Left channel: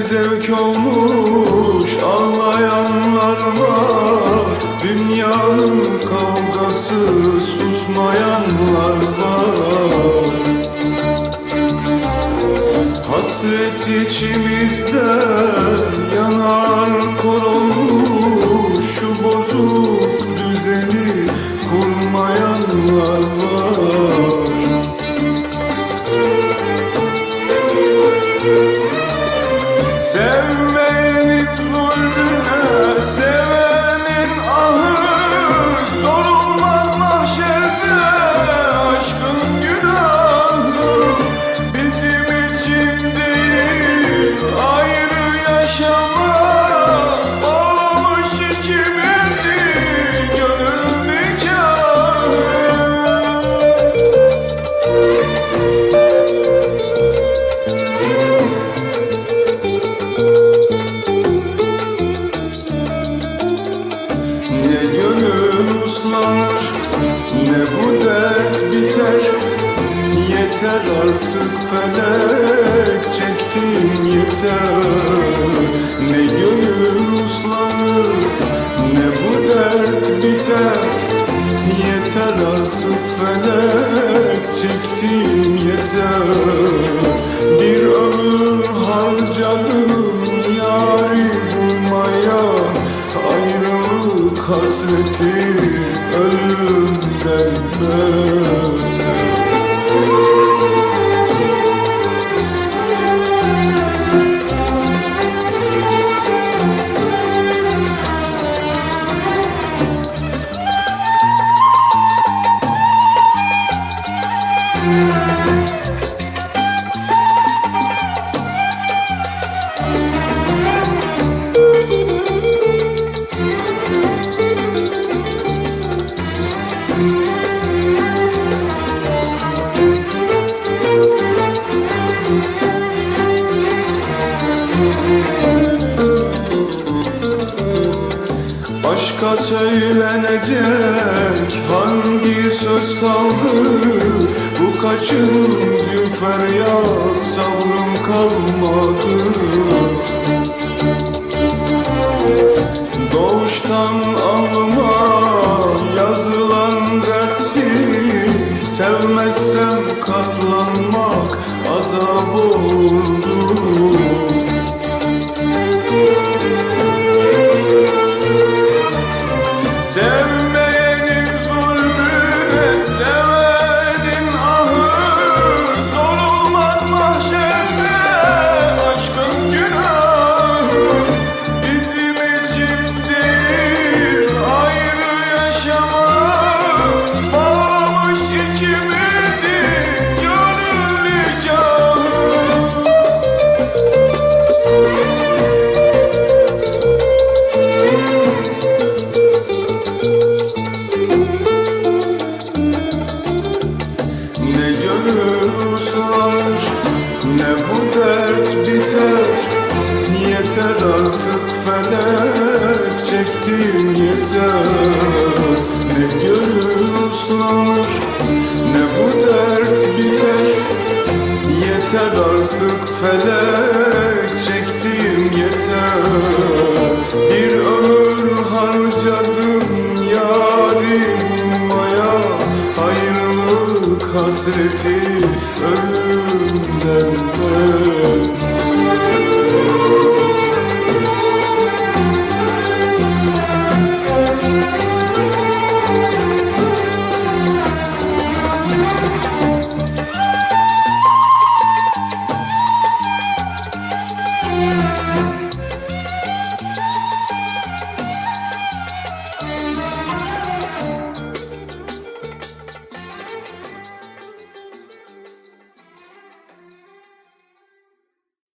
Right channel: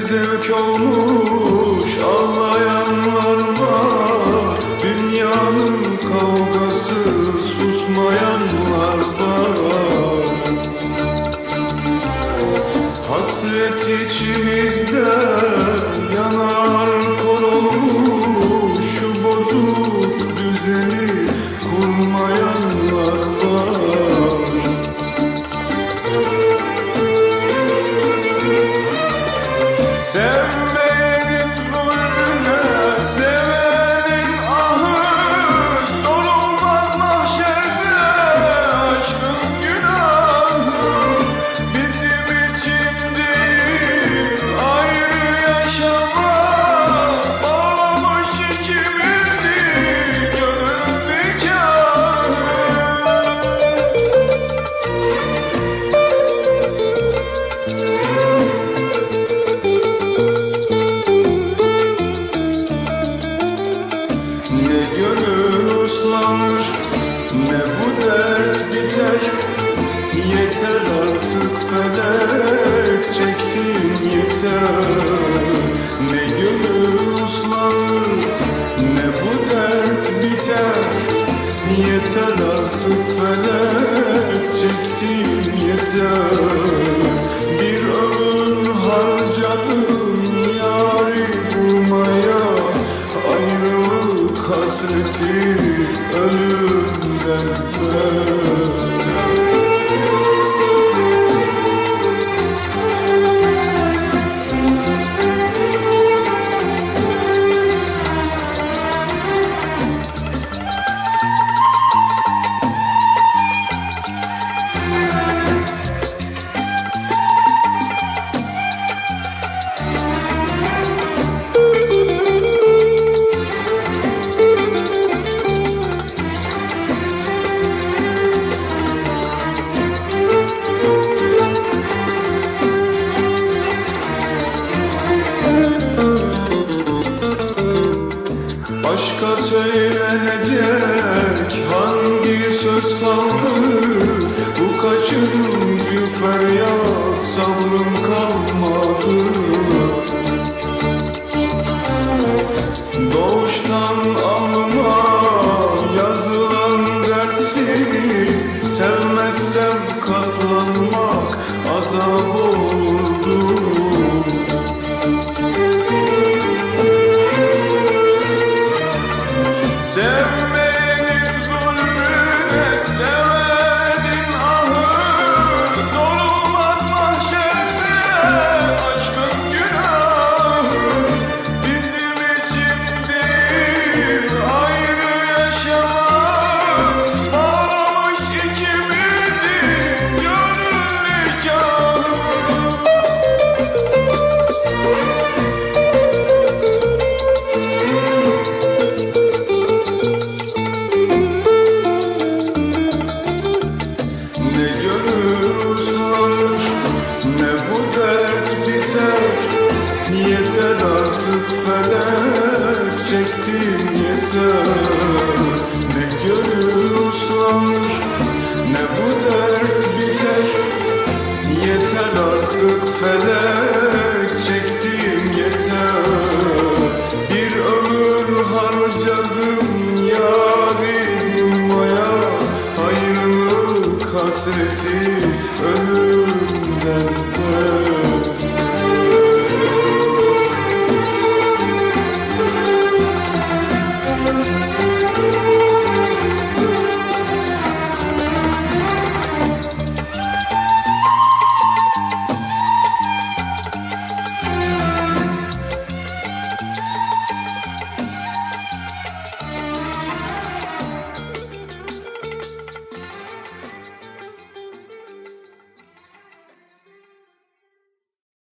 zevk olmuş Ağlayanlar var. Dünyanın kavgası Susmayanlar var. Hasret içimizde yanar Sevmeyenin zulmüne sevenin ahı Sorulmaz mahşerde gönül uslanır ne bu dert biter? Yeter artık felek çektim yeter. Ne gönül uslanır ne bu dert biter? Yeter artık felek çektim yeter hasreti ölümden beter Aşka söylenecek hangi söz kaldı? Bu kaçıncı feryat sabrım kalmadı? Doğuştan alnıma yazılan dertsiz Sevmezsem katlanmak azap olurdu dert biter. Yeter artık felek çektim yeter. Ne gönül uslanır ne bu dert biter. Yeter artık felek çektim yeter. Bir ömür harcadım yarim maya. Ayrılık hasreti benden böyle